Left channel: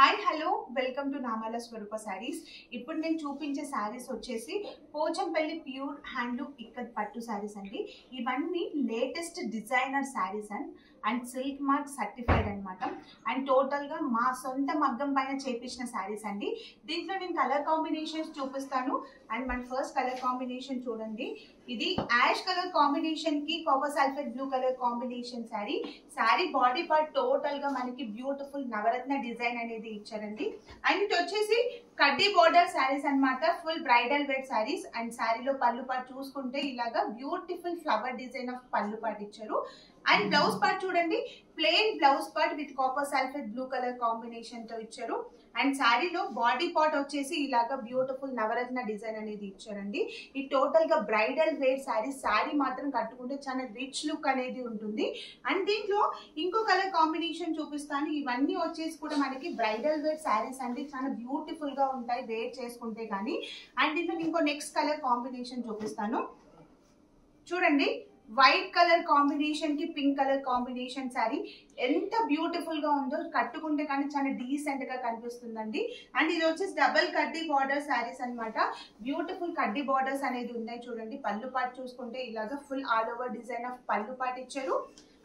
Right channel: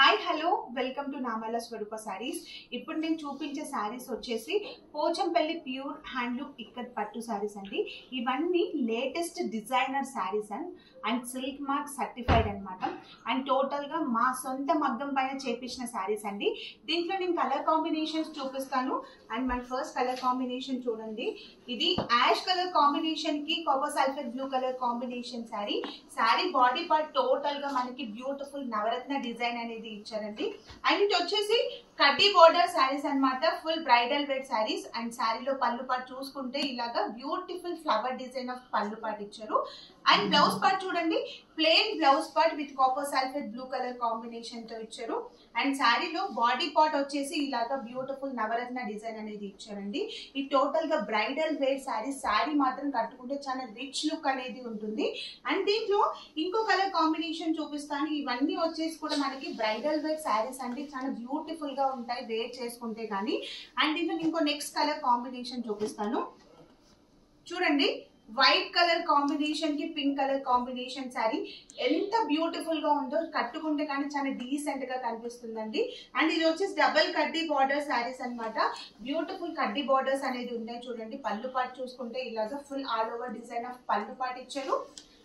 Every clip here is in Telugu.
హాయ్ హలో వెల్కమ్ టు నామాల స్వరూప శారీస్. ఇప్పుడు నేను చూపించే శారీస్ వచ్చేసి పోచంపల్లి ప్యూర్ హ్యాండ్లూమ్ ఇక్కత్ పట్టు శారీస్ అండి. ఇవన్నీ latest designer saris and silk mark certified అనమాట. అండ్ టోటల్గా మా సొంత మగ్గం పైన చేపించిన శారీస్ అండి. దీంట్లో నేను కలర్ కాంబినేషన్స్ చూపిస్తాను. అండ్ మన ఫస్ట్ కలర్ కాంబినేషన్ చూడండి, ఇది యాష్ కలర్ కాంబినేషన్కి copper sulphate blue colour combination sari. Sari body part టోటల్గా మనకి బ్యూటిఫుల్ నవరత్న డిజైన్ అనేది ఇచ్చారండి. అండ్ ఇది వచ్చేసి కడ్డీ బోర్డర్ శారీస్ అన్నమాట, full bridal wear sarees. And శారీలో పళ్ళు పాటు చూసుకుంటే ఇలాగా బ్యూటిఫుల్ ఫ్లవర్ డిజైన్ ఆఫ్ పళ్ళు పాటు ఇచ్చారు. అండ్ బ్లౌజ్ పార్ట్ చూడండి, plain blouse part with copper sulphate blue colour combination తో ఇచ్చారు. అండ్ శారీలో బాడీ పార్ట్ వచ్చేసి ఇలాగా బ్యూటిఫుల్ నవరత్న డిజైన్ అనేది ఇచ్చారండి. ఈ టోటల్ గా బ్రైడల్ వేర్ శారీ. శారీ మాత్రం కట్టుకుంటే చాలా రిచ్ లుక్ అనేది ఉంటుంది. అండ్ దీంట్లో ఇంకో కలర్ కాంబినేషన్ చూపిస్తాను. ఇవన్నీ వచ్చేసి కూడా మనకి బ్రైడల్ వేర్ శారీస్ అంటే చాలా బ్యూటిఫుల్ గా ఉంటాయి వేర్ చేసుకుంటే కానీ. అండ్ దీంట్లో ఇంకో నెక్స్ట్ కలర్ కాంబినేషన్ చూపిస్తాను చూడండి, వైట్ కలర్ కాంబినేషన్ కి పింక్ కలర్ కాంబినేషన్ శారీ ఎంత బ్యూటిఫుల్ గా ఉందో, కట్టుకుంటే కానీ చాలా డీసెంట్ గా కనిపిస్తుందండి. అండ్ ఇది వచ్చేసి డబల్ కడ్డీ బార్డర్ శారీస్ అన్నమాట. బ్యూటిఫుల్ కడ్డీ బార్డర్స్ అనేది ఉన్నాయి చూడండి. పళ్ళు పాటు చూసుకుంటే ఇలాగా full all over design of పళ్ళు పాటు ఇచ్చారు.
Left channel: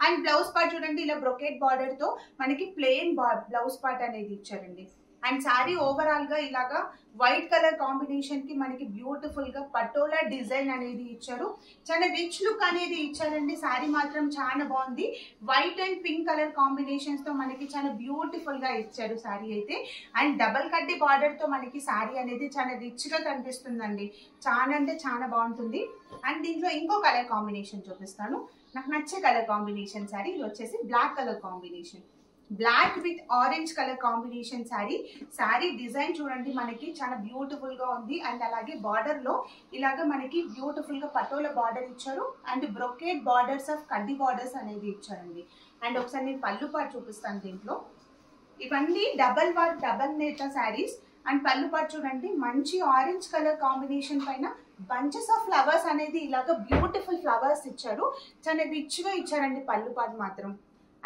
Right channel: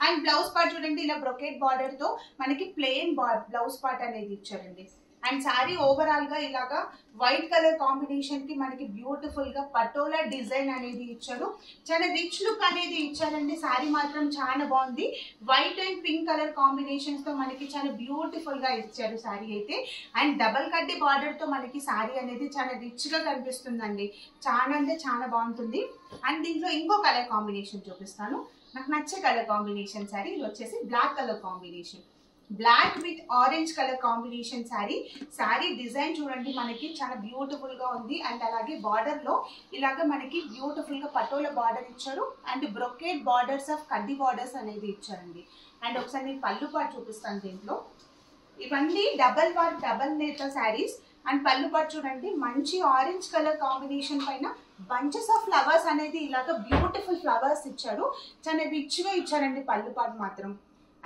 అండ్ బ్లౌజ్ పార్ట్ చూడండి, ఇలా బ్రొకెట్ బార్డర్ తో మనకి ప్లెయిన్ బ్లౌజ్ పార్ట్ అనేది ఇచ్చారండి. అండ్ శారీ ఓవరాల్ గా ఇలాగా వైట్ కలర్ కాంబినేషన్ కి మనకి బ్యూటిఫుల్ గా పటోలా డిజైన్ అనేది ఇచ్చారు. చాలా రిచ్ లుక్ అనేది ఇచ్చారండి. శారీ మాత్రం చాలా బాగుంది. White and pink colour combinations తో మనకి చాలా బ్యూటిఫుల్ గా ఇచ్చారు శారీ అయితే. అండ్ డబల్ కడ్డీ బార్డర్ తో మనకి శారీ అనేది చాలా రిచ్ గా కనిపిస్తుందండి. చాలా అంటే చాలా బాగుంటుంది. అండ్ దీంట్లో ఇంకో కలర్ కాంబినేషన్ చూపిస్తాను, నాకు నచ్చే కలర్ కాంబినేషన్ శారీ. ఇది వచ్చేసి black colour combination, black with orange colour combination sari. Saree design చూడండి మనకి చాలా బ్యూటిఫుల్ గా ఉంది. అండ్ అలాగే బార్డర్ లో ఇలాగా మనకి బ్యూటిఫుల్ గా పటోలా బార్డర్ ఇచ్చారు. అండ్ బ్రొకేట్ బార్డర్స్ ఆఫ్ కడ్డీ బార్డర్స్ అనేది ఇచ్చారండి. అండ్ ఒకసారి నేను పళ్ళు పాటు చూపిస్తాను. దీంట్లో ఇవన్నీ డబల్ వర్క్ డబల్ నేత శారీస్. అండ్ పళ్ళు పాటు చూడండి, మంచి ఆరెంజ్ కలర్ కాంబినేషన్ పైన బంచెస్ ఆఫ్ ఫ్లవర్స్ అనేది ఇలాగా బ్యూటిఫుల్ ఫ్లవర్స్ ఇచ్చారు. చాలా రిచ్ గా ఇచ్చారండి పళ్ళు పాటు మాత్రం.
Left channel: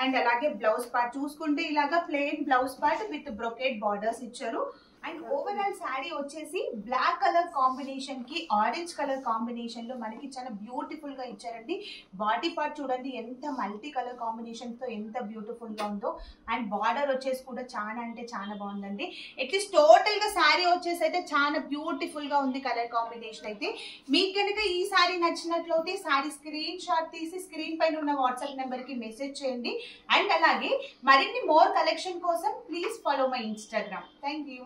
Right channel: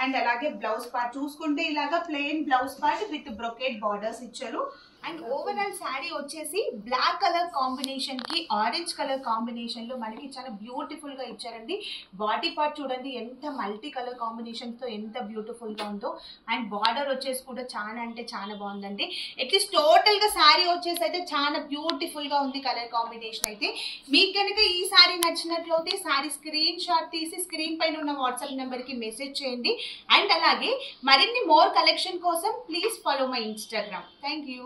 అండ్ అలాగే బ్లౌజ్ పార్ట్ చూసుకుంటే ఇలాగా plain blouse part with brocade borders ఇచ్చారు. అండ్ ఓవరాల్ శారీ వచ్చేసి బ్లాక్ కలర్ కాంబినేషన్ కి ఆరెంజ్ కలర్ కాంబినేషన్ లో మనకి చాలా బ్యూటిఫుల్ గా ఇచ్చారండి. బాడీ పార్ట్ చూడండి ఎంత మల్టీ కలర్ కాంబినేషన్ తో ఎంత బ్యూటిఫుల్ గా ఉందో. అండ్ బార్డర్ వచ్చేసి కూడా చాలా అంటే చాలా బాగుందండి. అట్లీస్ట్ టోటల్ గా శారీ వచ్చేసి అయితే చాలా బ్యూటిఫుల్ గా ఉంది కలర్ కాంబినేషన్ అయితే. మీకు కనుక ఈ శారీ నచ్చినట్లయితే శారీ స్క్రీన్ షాట్ తీసి స్క్రీన్ పైన ఉన్న వాట్సాప్ నెంబర్ కి మెసేజ్ చేయండి. అండ్ అలాగే మరిన్ని మోర్ కలెక్షన్ కోసం please follow my Instagram. Thank you.